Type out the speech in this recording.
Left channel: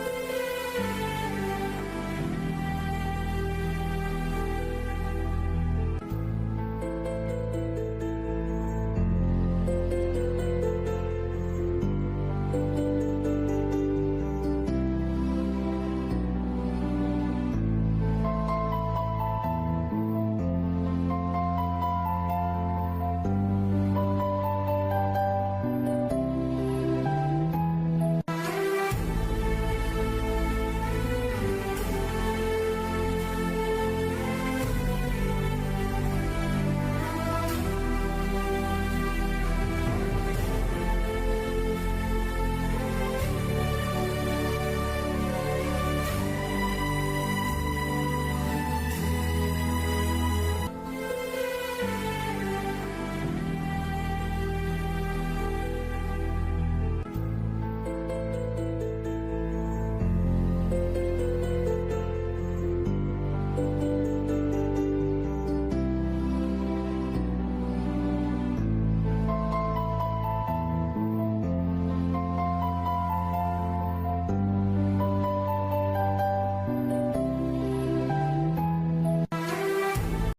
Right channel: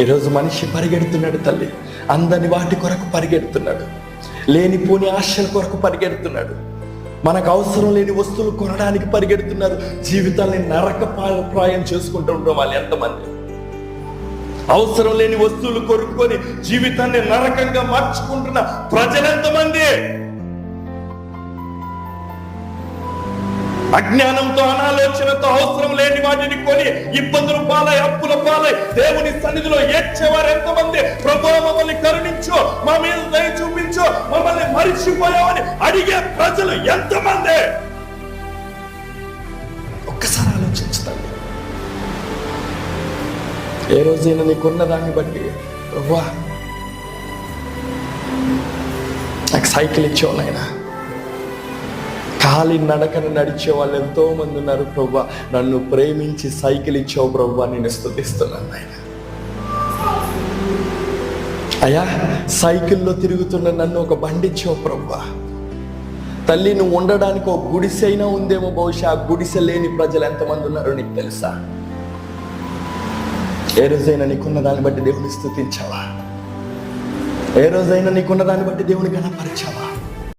ఈరోజు మనిషి పరిగెడుతున్నాడు తల్లి, అందని వాటి కొరకు పరిగెడుతున్నాడు, లేనిపోని ఆశల కొరకు పరిగెడుతున్నాడు, మనకు అవసరం లేని వస్తువులు కొనడానికి పరిగెడుతున్నారు. జీవితాన్ని నరకప్రాయం చేసుకుంటూ ఉంటాం వాళ్ళు ఎంతమంది. అవసరం లేని వస్తువులు కొనుక్కొని జీవితాన్ని నరకంగా మార్చుకుంటున్న ప్రజలు ఎంతమంది. అజ్ఞానంతో, అనాలోచనతో అవసరం లేని వాటిని కొని ఇబ్బందుల పాలై, అప్పుల పాలై దేవుని సన్నిధిలో ఏడ్చేవారు ఎంతమంది. ప్రభువా మమ్మల్ని కరుణించు, మా మీద దయ చూపించు, మమ్మల్ని మరిచిపోయామని అడిగే ప్రజలు ఎంతమంది. ఒక్కసారి ఆలోచించుతాను. ఏ రోజైనా నీకున్న దాన్ని బట్టి ప్రభువా నాకు సైకిల్ ఇచ్చేవాళ్ళు, ఆయన ఖాళీ నడకను నడిచే వాళ్ళు ఎంతో మంది ఉన్నారు. ప్రభువా నన్ను ప్రేమించి సైకిల్ ఇచ్చావు ప్రభువా, నేను స్తుతిస్తున్నాను ఆయన. అయ్యా సైకిల్లో తిరుగుతున్న నన్ను ఒక బండి ఇచ్చావు ప్రభువా. తల్లి నువ్వు ఉండడానికి ఒక గుడిసె అయినా ఉందేమో, బహుశా ఆ గుడిసె లేని ప్రజలు ఎంతమంది ఉన్నారో నీకు తెలుసా? ఏ రోజైనా నీకున్న దాన్ని బట్టి దేవుని స్తుతించావా? ఏ రోజైనా నీకున్న దాన్ని బట్టి దేవుని గణపరిచావా?